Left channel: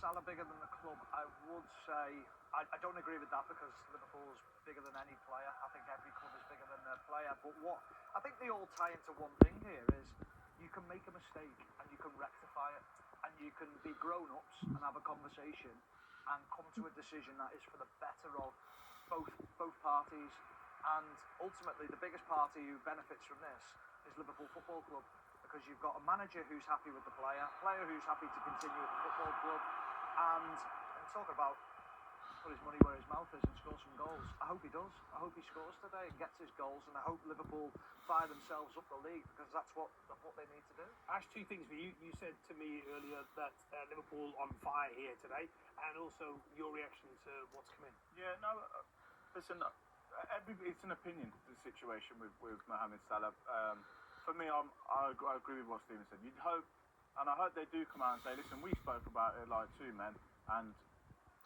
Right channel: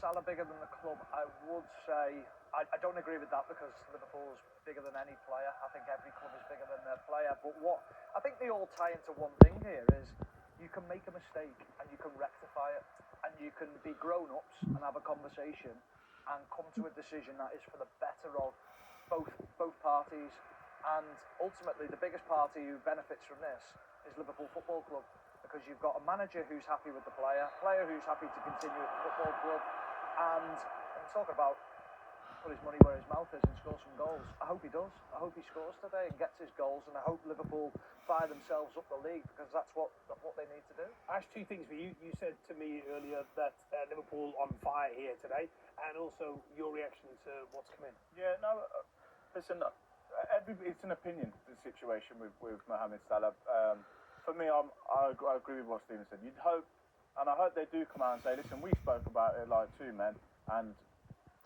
Salah bigger than the club? I would say I don't agree with that because Liverpool's bigger than any player. I think every club is bigger than their player. But what I think they all tie into one thing here is you can make a mistake and you can rectify it, and you can be grown-ups and have a conversation and come to a decision that is for the better of both parties. And ultimately, the biggest party who benefits from this is Liverpool Football Club, because you've got a manager who's happy with the player who's happy to continue at the football club, and talking about put his money where his mouth is and score some goals. I hope he does. I hope he scores today and gets his goals, and I hope Liverpool fire themselves up the league, because that's what they need to do. Ash, two things for you. You said to me earlier that Liverpool on fire here today, and also your reaction to what's come in. Yeah, no, listen, it's an opinion, the situation with Mohamed Salah. For me, I agree with what Stephen said. You'd hope, and I hope they do come out and say, listen, we spoke about it like two men, and,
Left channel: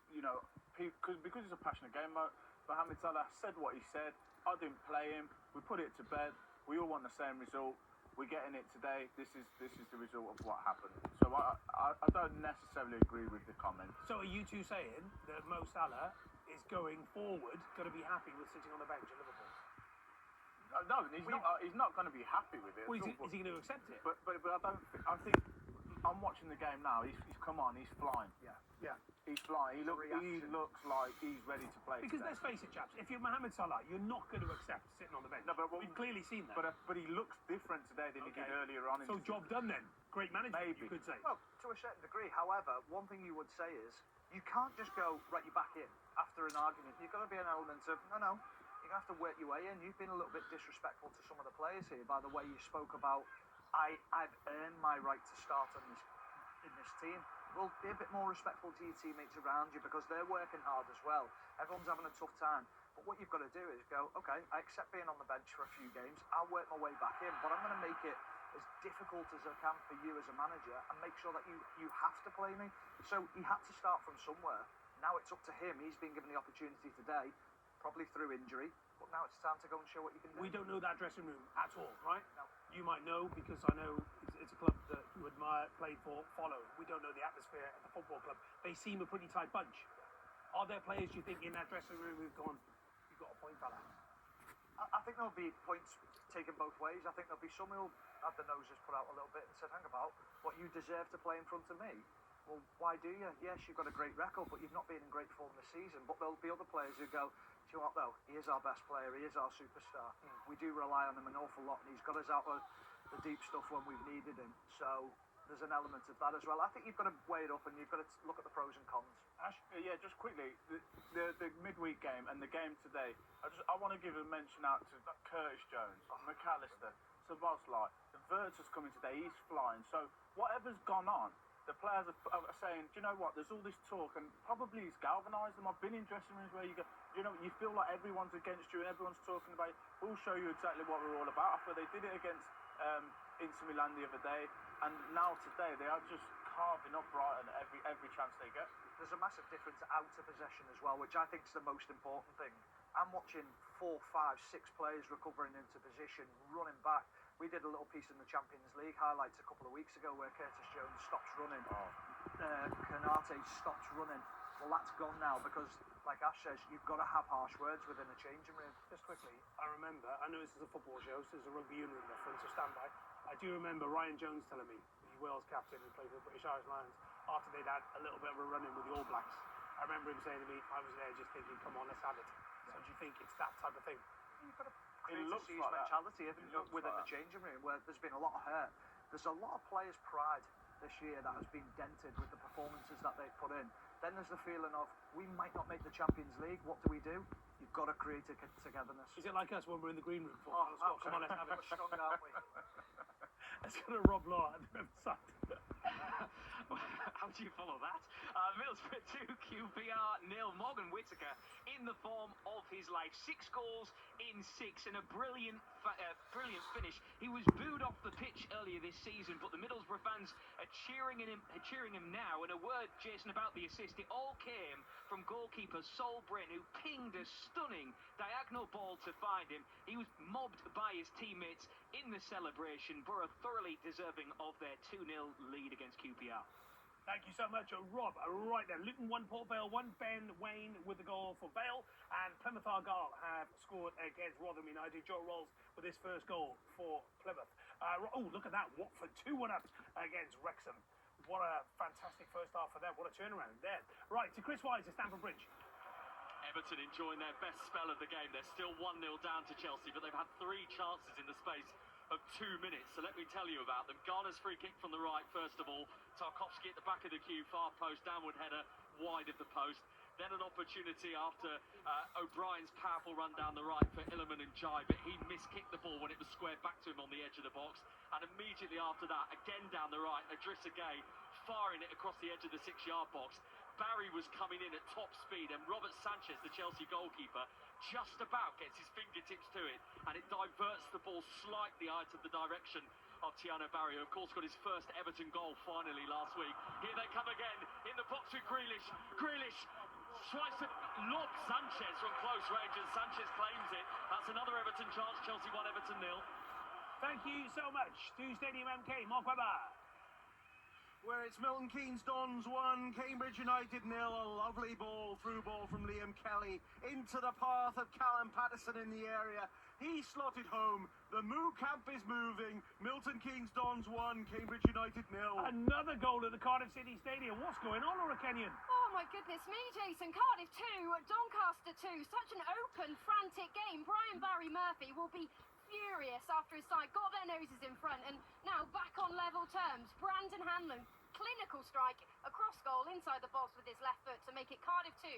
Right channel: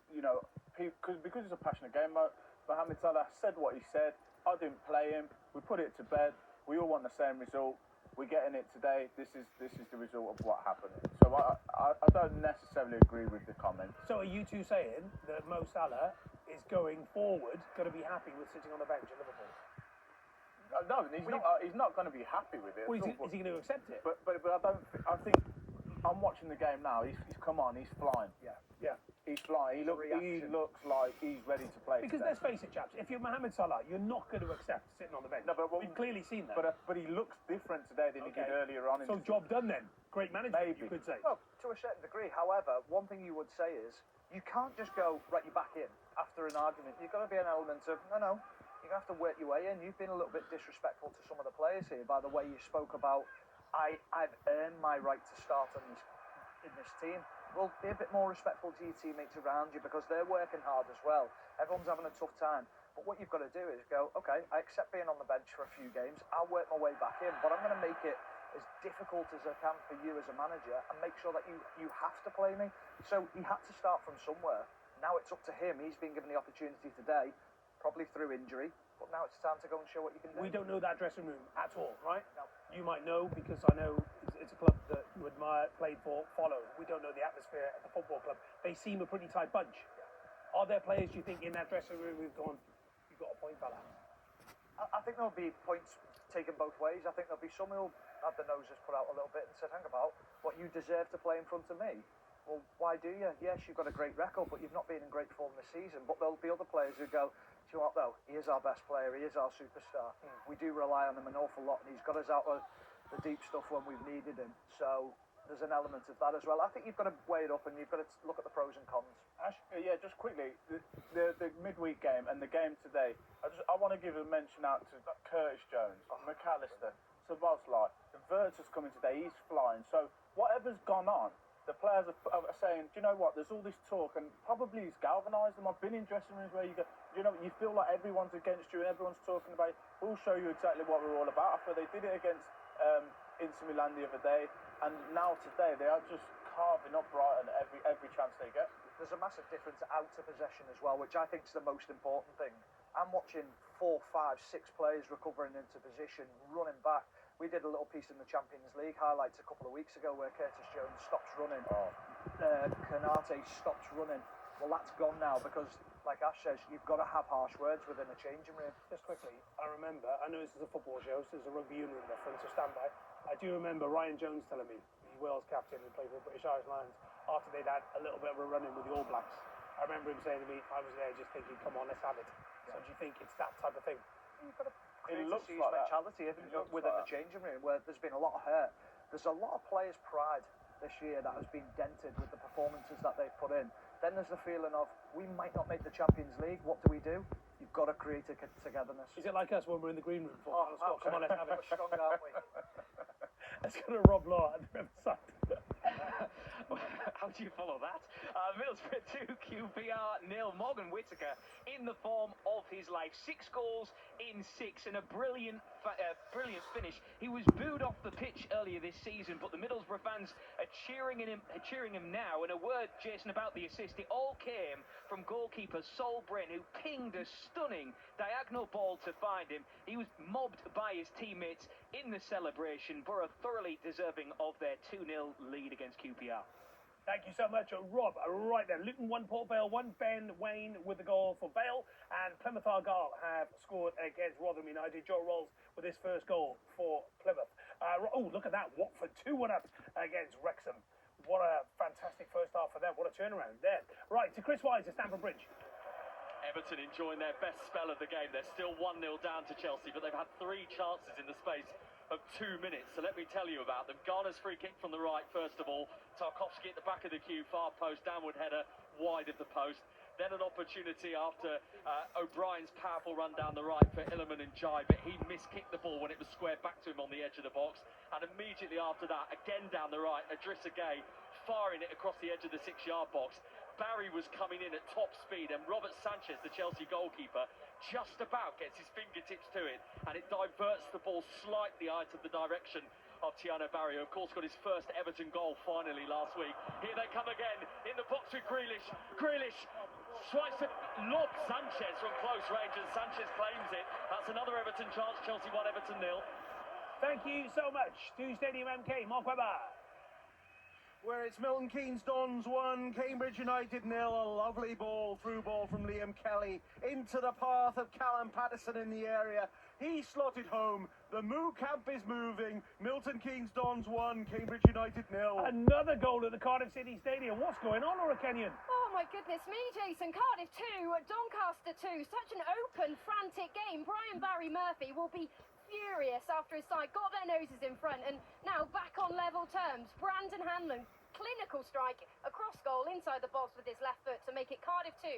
you know, because it's a passionate game, Mohamed Salah said what he said. I didn't play him. We put it to bed. We all want the same result. We're getting it today. This is the result of what happened. So I don't necessarily agree with the comment. So are you two saying that Mo Salah is going forward going to be happy with sitting on the bench at Liverpool? No, he's not going to be happy with it. Well, is he going to accept it? But I don't. I think I'm watching the game now. He's come on. He's flying. Yeah. He's flying. He looks like he's ready to play. Because today. let's face it, chaps. If you're Mohamed Salah, you're not going to accept sitting on the bench. No, but we've clearly seen that. But he looks different today than he did earlier on. So job done then. Great management, Maybe. you could say. Well, to a certain degree. However, one thing you would say is you can't just go right. You're back in after an argument. You've got to be an element of no. You have to work your way in. You've been a little bit disrespectful to some of the players here by the way you spoke about. I've earned my right to start in this team. Well, be a bit more respectful to your teammates around you, because they're working hard as well. Everyone's having a tough time. But what you've got to do is go, okay, I accept being on the bench for a few games. I'll work my way back in, but I'm going to make it as difficult as I can for you as a manager and make sure that you have to play me. So he had to start from somewhere. Now it's up to him. He's been given the opportunity today, probably through injury, but now it's time to go and show what you can do. We don't know that dressing room at all, right? No. You might know, because I know it's a club that you admire, played for, follow. We don't know the atmosphere at the football club. They seem a pretty tight bunch. Yeah. Are there players you think in that dressing room who've gone, you've got a point, fella? I think there'll be points taken both ways. I think there'll be some who'll have their noses put out a little bit and said, hang about, what, you deserve to play in front of me? Well, why do you? Yes, you've got a great record, but you've not been in great form this season. But there'll be other players who go, do you know what, though? He is our best player. He is our superstar. We do rely on him an awful lot, and he's got us out of the deep stuff when we've needed him. So there's an element of that as well. I think you've got to weigh it up, and you've got to look at the pros and cons. Ash, yeah, just quickly, the midweek game and the game today, I want to give a mention out to Curtis Jones, McAllister, Szoboszlai. The Virtus coming today, he's flying. So whatever's gone on, the players are saying, do you know what, there's all this talk, and probably it's galvanised them. I've been in dressing rooms where you go, you know, you feel like everyone's against you and everyone's talking about it. We'll show you exactly what we're all about. After they did it against Inter Milan the other day, and now today they are just carving up Brighton every chance they get. There's a massive difference out of possession as well, which I think is the most important thing. I'm watching 4, 5, 6 players recovering into position, running back. We did a little piece in the Champions League highlights a couple of weeks ago where Curtis Jones stops running. Konate stops running. Well, that's gone now because, like Ash says, you've got to have harsh words within a changing room. Just quickly, I remember, I know this is a football show, so this is a rugby union reference, so stand by. I do remember Ryan Jones telling me, the Wales captain who played for the British Irish Lions, after they'd had a little bit of a run-in with the All Blacks. I remember him saying to me, I was there just thinking, come on, let's have it. So do you think it's that type of thing? You've got to create It a looks siege like that. mentality within the changing room where there's been a lot of hurt. There's a lot of players' pride this year that has been dented with the performances that they've put in. Then there's the feeling of, we might not make the Champions League. What do? You've got to create a togetherness. Is it like us when we're in the green room? Come on, let's have it. Strong, aren't we? Let's go to Rob Law at the Riverside. How do you follow that? Middlesbrough 2, QPR 0. Morgan Whittaker in the form of his life. 6 goals in 6 and a brilliant finish. He was booed off the pitch earlier this season, but the Middlesbrough fans are cheering him now. And a word, Jason, about the assist. It all came from goalkeeper Sol Bryn, who pinged a stunning diagonal ball to find him. He was mobbed by his teammates in the celebration. Borough thoroughly deserving of their 2-0 lead against QPR. Thank you so much, Rob. Right then, Luton 1, Port Vale 1, Ben Wayne with the goal for Vale, and Plymouth Argyle have scored against Rotherham United. Joe Rolls with his first goal for Plymouth. Look at that, Watford 2-1 up against Wrexham. What a fantastic first half for them. What a turnaround there. Right, to Chris Wise at Stamford Bridge. Everton enjoying their best spell of the game. They're still 1-0 down to Chelsea, but they've had 3 chances in the space of 2 minutes. So let me tell you about them. Garner's free kick from the right, first of all. Tarkowski at the back of the queue, far post, downward header, wide of the post. Then an opportunity after O'Brien's powerful run down the right for Illiman and Jai, but he miskicked the ball when it was squared back to him on the edge of the box. And immediately after that, again down the right, Idrissa Gueye firing it across the edge of the 6-yard box. Barry was coming in at top speed, and Robert Sanchez, the Chelsea goalkeeper, just about gets his fingertips to it, and it diverts the ball slightly out of the direction of Tiano Barry, who of course got his first Everton goal finally last week. Here they come again in the box with Grealish. Grealish tries to lob Sanchez from close range, and Sanchez claims it. That's another Everton chance. Chelsea 1, Everton 0. Thank you so much to Stadium MK, Mark Webber. Where it's Milton Keynes Dons 1, Cambridge United 0. A lovely through ball from Liam Kelly into the path of Callum Patterson in the area. He slotted home. The Moo camp is moving. Milton Keynes Dons 1, Cambridge United 0. Another goal at the Cardiff City Stadium. What's going on, Laura Kenyon? Oh my goodness me, Jason. Cardiff 2, Doncaster 2. Such an open, frantic game. Brian Barry Murphy will be furious after his side got their noses in front and now back on level terms. Brandon Hanlon, clinical strike across goal inside the box with his left foot to make it Cardiff 2,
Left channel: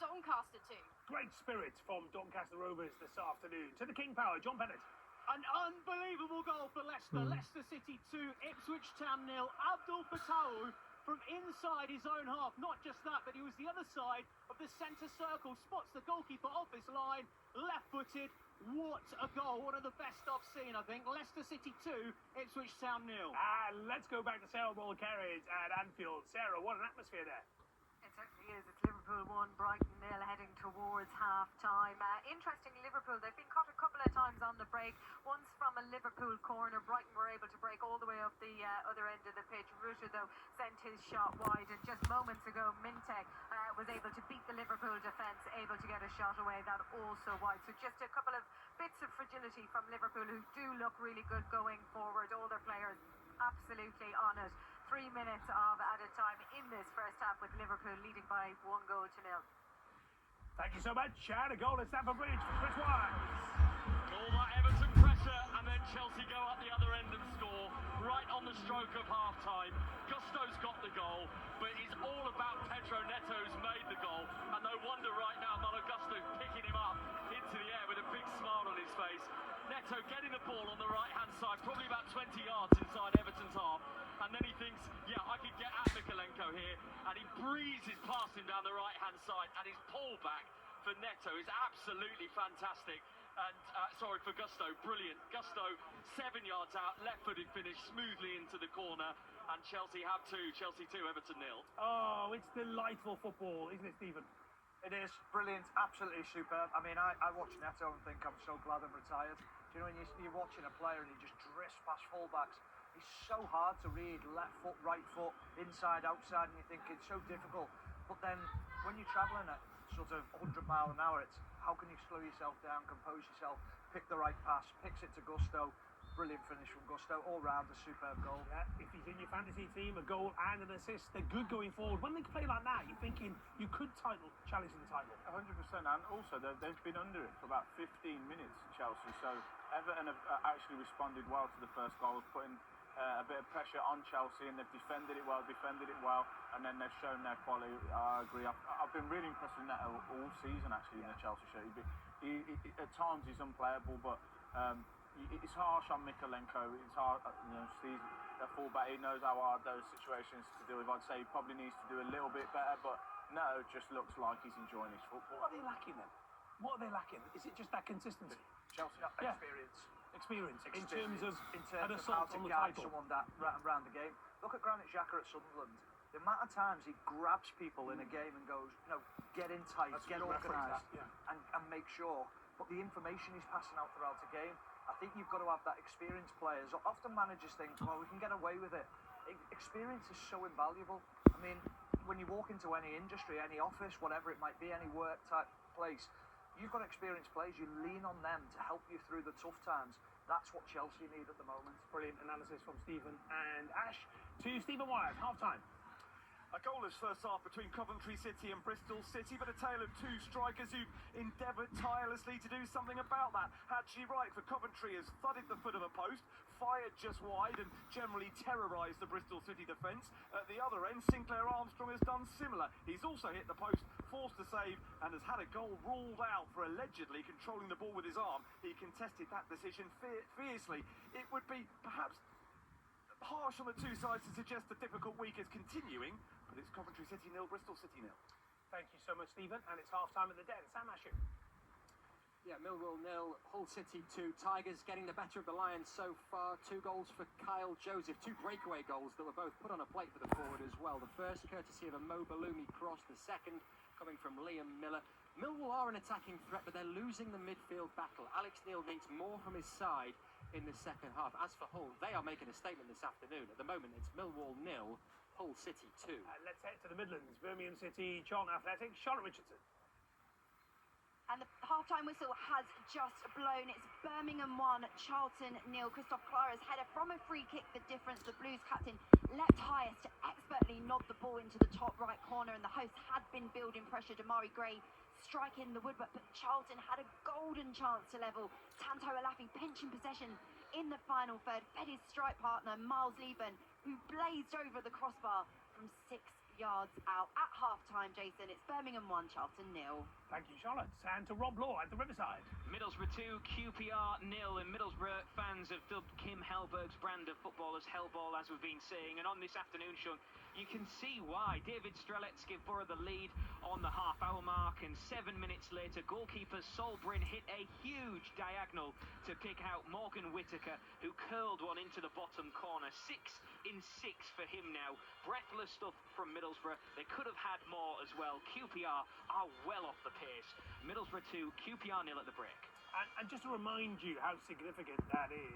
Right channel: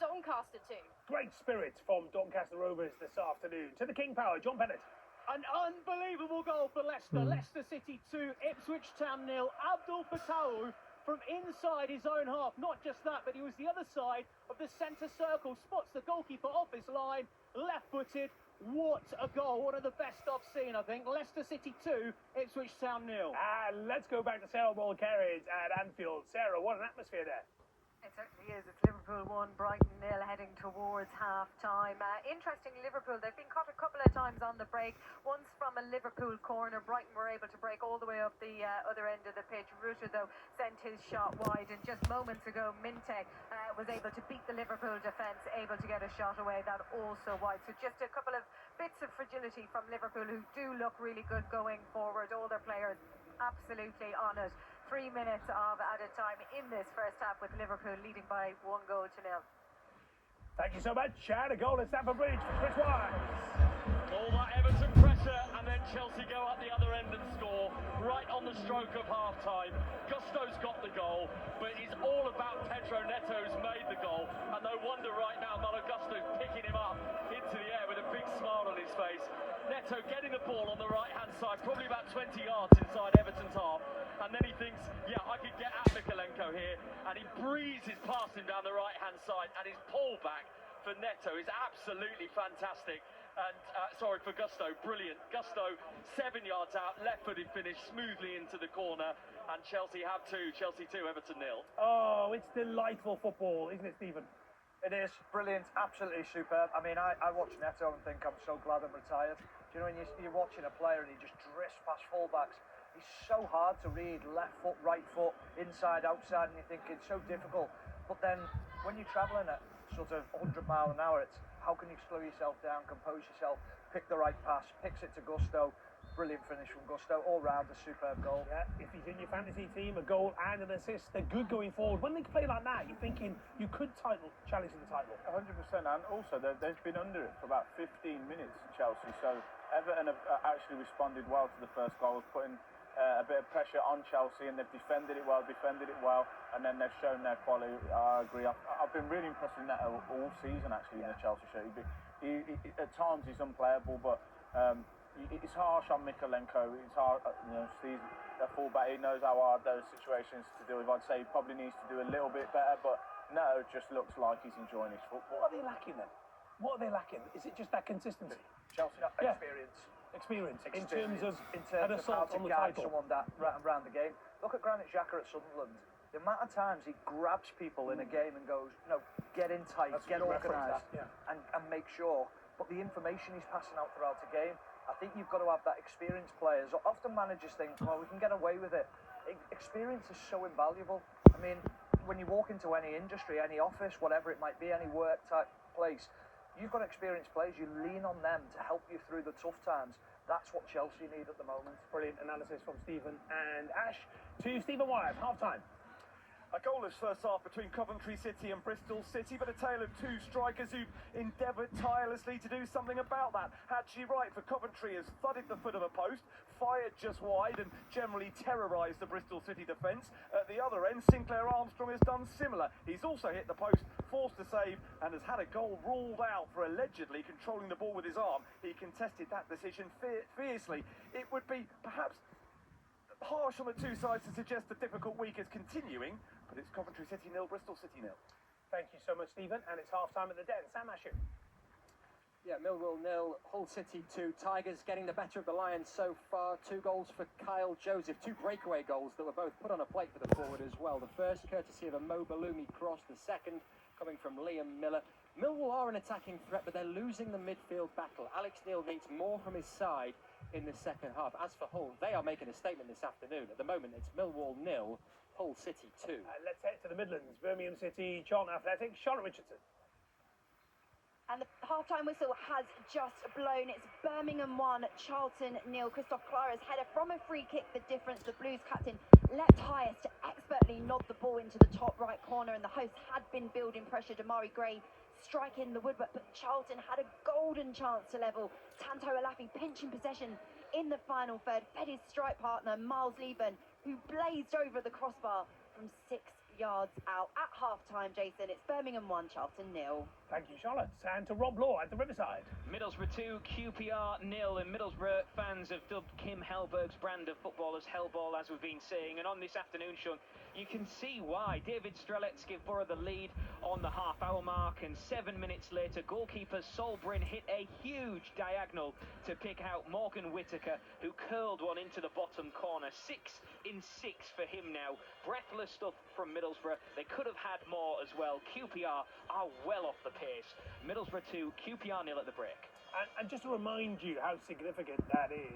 Doncaster 2. Great spirit from Doncaster Rovers this afternoon. To the King Power, John Bennett. An unbelievable goal for Leicester. Leicester City 2, Ipswich Town 0. Abdul Fatawu from inside his own half. Not just that, but he was the other side of the centre circle. Spots the goalkeeper off his line, left-footed. What a goal. One of the best I've seen, I think. Leicester City 2, Ipswich Town 0. And let's go back to Sarah Ball Carriage at Anfield. Sarah, what an atmosphere there. It certainly is. It's Liverpool 1, Brighton 0 heading towards half-time. Interesting, Liverpool, they've been caught a couple of times on the break. Once from a Liverpool corner, Brighton were able to break all the way up the other end of the pitch. Rutter, though, sent his shot wide. And just moments ago, Minte was able to beat the Liverpool defence, able to get a shot away, that also wide. So just a couple of bits of fragility from Liverpool, who do look really good going forward. All their players absolutely on it. 3 minutes of added time in this first half with Liverpool leading by 1 goal to 0. Thank you so much. And a goal at Stamford Bridge for Chris Wise. All that Everton pressure, and then Chelsea go up the other end and score right on the stroke of half-time. Gusto's got the goal, but it's all about Pedro Neto, who's made the goal, and no wonder right now Malo Gusto's picking him up into the air with a big smile on his face. Neto getting the ball on the right-hand side, probably about 20 yards inside Everton's half, and then he thinks, yeah, I could get at Mikalenko here, and he breezes past him down the right-hand side, and his pullback for Neto is absolutely fantastic. And for Gusto, brilliant. Gusto 7 yards out, left-footed finish smoothly into the corner, and Chelsea have 2, Chelsea 2, Everton 0. Oh, it's delightful football, isn't it, Stephen? It is brilliant, absolutely superb. I mean, I watch Neto and think I'm so glad I'm retired. Do you know when you're watching a player and he just drifts past fullbacks? He's so hard to read, left foot, right foot, inside, outside, and you think it's so difficult. But then when you're travelling at sort of 100 miles an hour, it's how can you slow yourself down, compose yourself, pick the right pass, picks it to Gusto. Brilliant finish from Gusto, all round a superb goal. Yeah, if he's in your fantasy team, a goal and an assist, they're good going forward. When they play like that, you're thinking you could challenge for the title. 100%, and also they've been under it for about 15 minutes, Chelsea, so Everton have actually responded well to the first goal, putting a bit of pressure on Chelsea, and they've defended it well, and then they've shown their quality. I agree. I've been really impressed with Neto all season, actually, in the Chelsea shirt. At times he's unplayable, but it's harsh on Mikalenko. It's hard, Steve's a fullback. He knows how hard those situations to deal with. I'd say he probably needs to do a little bit better, but Neto just looks like he's enjoying his football. What are they lacking then? What are they lacking? Is it just that consistency? Chelsea, experience. Experience in terms of how assault to on the guide title. someone that around the game. Look at Granit Xhaka at Sunderland. The amount of times he grabs people in a game and goes, get in tight, get organised, and make sure. But the information he's passing out throughout the game, I think you've got to have that experienced players. Often managers think, well, we can get away with it. Experience is so invaluable. I I mean, when you walk into any industry, any office, whatever it might be, any work type place, you've got experienced players. You lean on them to help you through the tough times. That's what Chelsea need at the moment. Brilliant analysis from Stephen and Ash. To Stephen Wyatt, half-time. A goalless first half between Coventry City and Bristol City, but a tale of two strikers who endeavoured tirelessly to do something about that. Haji Wright for Coventry has thudded the foot of a post, fired just wide and generally terrorised the Bristol City defence. At the other end, Sinclair Armstrong has done similar. He's also hit the post, forced to save, and has had a goal ruled out for allegedly controlling the ball with his arm. He contested that decision fiercely. It would be perhaps harsh on the two sides to suggest the difficult week is continuing, but it's Coventry City 0, Bristol City 0. Thank you so much, Stephen. And it's half-time at the Den. Sam Asher. Yeah, Millwall 0, Hull City 2. Tigers getting the better of the Lions so far. 2 goals for Kyle Joseph. 2 breakaway goals that were both put on a plate for the forward as well. The first courtesy of a Mo Balumi cross. The second coming from Liam Miller. Millwall are an attacking threat, but they're losing the midfield battle. Alex Neil needs more from his side in the second half. As for Hull, they are making a statement this afternoon. At the moment, it's Millwall 0, Hull City 2. Let's head to the Midlands. Birmingham City, Charlton Athletic, Charlotte Richardson. And the half-time whistle has just blown. It's Birmingham 1, Charlton 0. Christoph Clara's header from a free kick, the difference. The Blues captain leapt highest to expertly nod the ball into the top right corner, and the hosts had been building pressure. Damari Gray striking the woodwork, but Charlton had a golden chance to level. Tanto Alafi pinching possession in the final third, fed his strike partner Miles Leven, who blazed over the crossbar from 6 yards out. At half-time, Jason, it's Birmingham 1, Charlton 0. Thank you, Charlotte. And to Rob Law at the Riverside. Middlesbrough 2, QPR 0, and Middlesbrough fans have dubbed Kim Hellberg's brand of football as Hellball, as we've been saying. And on this afternoon, Sean, you can see why. David Strelets give Borough the lead on the half-hour mark, and 7 minutes later, goalkeeper Sol Bryn hit a huge diagonal to pick out Morgan Whittaker, who curled one into the bottom corner. 6 in 6 for him now. Breathless stuff from Middlesbrough. They could have had more as well. QPR are well off the pace. Middlesbrough 2, QPR 0 at the break. And just to remind you how significant that is,